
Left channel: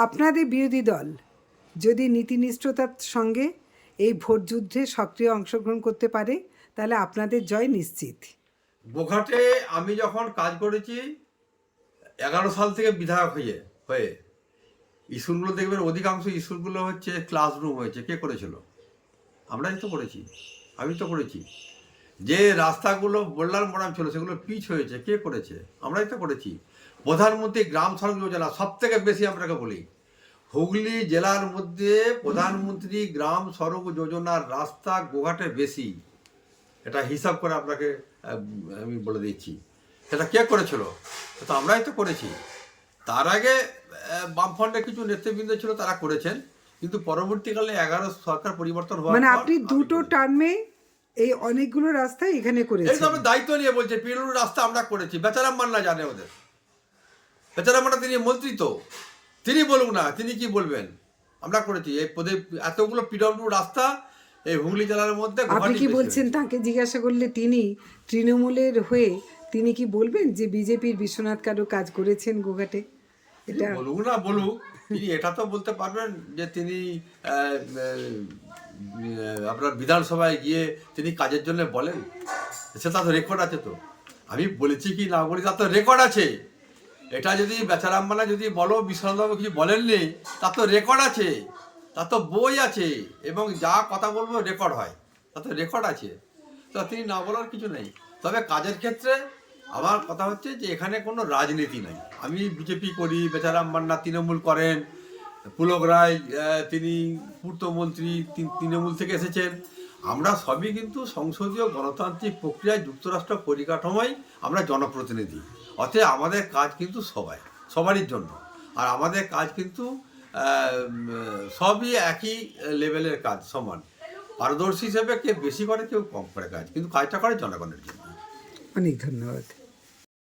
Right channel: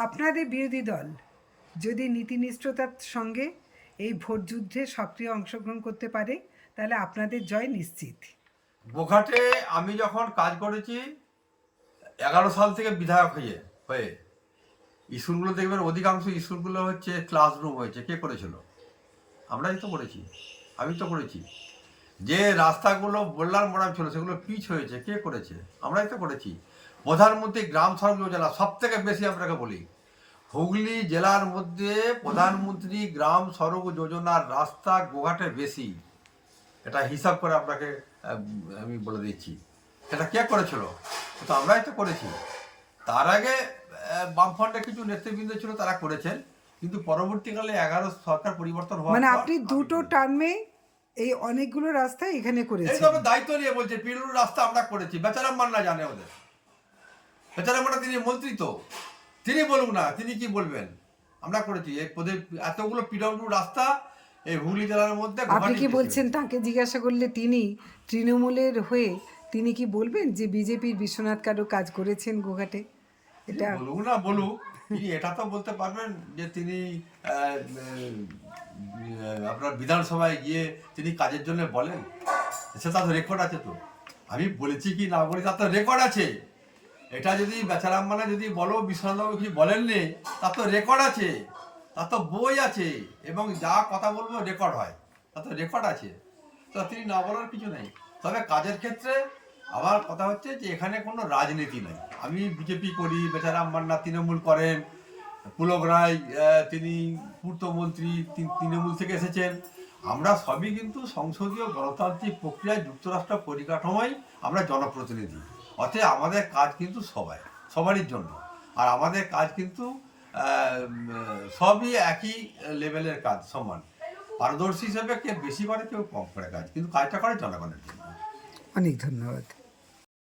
আপনাদের বিরোধী দল যদি নীতিনিষ্ঠতার সঙ্গে এই ভোট যুদ্ধে সক্রিয় অংশগ্রহণ করতে পারে, তাহলে আপনাদের জয় নিশ্চিত। গোঘাটে আমি যখন কাজ করেছি 11 সাল থেকে বিধায়ক হয়ে স্কুলগুলো দেখবেন, অধিকাংশ স্কুলগুলো হচ্ছে ক্লাসরুম হয়েছে। কে করেছিল? আমরাই তো করেছি, আমি তো করেছি। যে রাস্তাগুলো বোল্লার মোড়াম ছিল সেগুলো পিচ হয়েছে, কে করেছে? আমরাই তো করেছি। প্রধানমন্ত্রী গ্রাম সড়ক যোজনা সব থেকে বেশি আপনাকে বলি, হুগলি জেলার মধ্যে প্রধানমন্ত্রী গ্রাম সড়ক যোজনার রাস্তা গোঘাটে বেশি। এটা হিসাব করে আপনাকে আমি বলে দিচ্ছি। সেটা কে করেছিল? তো আমরাই তো করেছি। তার আগে বামফ্রন্টের কিছু নেতৃবৃন্দ ছিল, তারা করেছেন, কিন্তু পরবর্তীকালে 11 সরকার পরিবর্তন হওয়ার মানে পর আপনি দুটো টার্মে এই অনেকগুলো রাস্তায় এখানে এই করেছেন। তো আমরা দায়িত্ব নিয়ে বলছে, পিরুর রাস্তা আমরা করেছি। বেচারাম মান্না জানে ওদের, বেচারাম মান্না তিনি মন্ত্রী, তো তিনি বলুন না, তিনি কি বলবেন? আমরা করেছি এই পদে এতগুলো পিডব্লিউ রাস্তা এই হুগলি জেলার মধ্যে। আপনি কি বলছেন, তাকে জিজ্ঞাসা করলে তিনি তৃণমূলের হয়ে তিনি কি বলবেন যে বিজেপির বিশ্বনাথ কারো কাজ করেছেন গোঘাটে? এটা বলুক না, বলুক। তিনি এটা তো বলতে পারবেন যে তিনি আপনার বিধানসভায় গিয়ে তিনি কাজের জন্য বলেন, সেটা তো রেকর্ড আছে। তো আমি বলেছি কি না বলেছি তার তো রেকর্ড আছে। এটা যদি বেচারাম মানা যদি বলো বিশ্বনাথবাবু কিছু বলেননি, তার তো রেকর্ড আছে, তার তো বই আছে, এবং যা কথা বলবো রেকর্ড হয়, তার তো রেকর্ড আছে। তো তিনি না বলার কিছু নেই। তবে কাজের ক্ষেত্রে আমার কথা হচ্ছে যে এখানে কোনো রাজনীতি নাই। আমি বিজেপি করি, বেচারাম মান্না তৃণমূল করেন, পুলক রায় তিনি পূর্তমন্ত্রী, তৃণমূল থেকে এসেছেন। আমরা সবই কিন্তু সংসদীয় গণতান্ত্রিক প্রক্রিয়ায় যুক্তরাষ্ট্র পরিকাঠামোয় আমরা জনপ্রতিনিধি। অতএব আমাদের কাজ কিন্তু সবারই জন্য। আর আমাদের কাজ কিন্তু সবই একই লেভেলের কাজ, সমান। পারদর্শী হিসেবে কে বেশি করে কেউ কম করে কাজ, কিন্তু কাজটা করে জনগণের জন্য। অনেক ধন্যবাদ।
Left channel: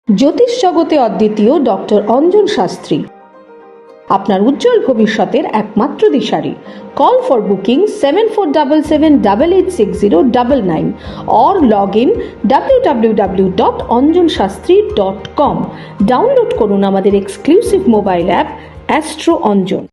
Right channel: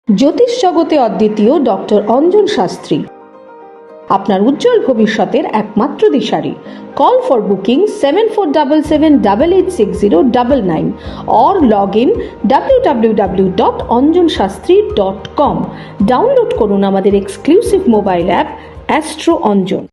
জ্যোতিষ জগতে অদ্বিতীয় ডক্টর অঞ্জন শাস্ত্রী, আপনার উজ্জ্বল ভবিষ্যতের একমাত্র দিশারি। Call for booking 7477886099 or log in www.anjanshastri.com। Download করুন আমাদের exclusive mobile app astro Anjan.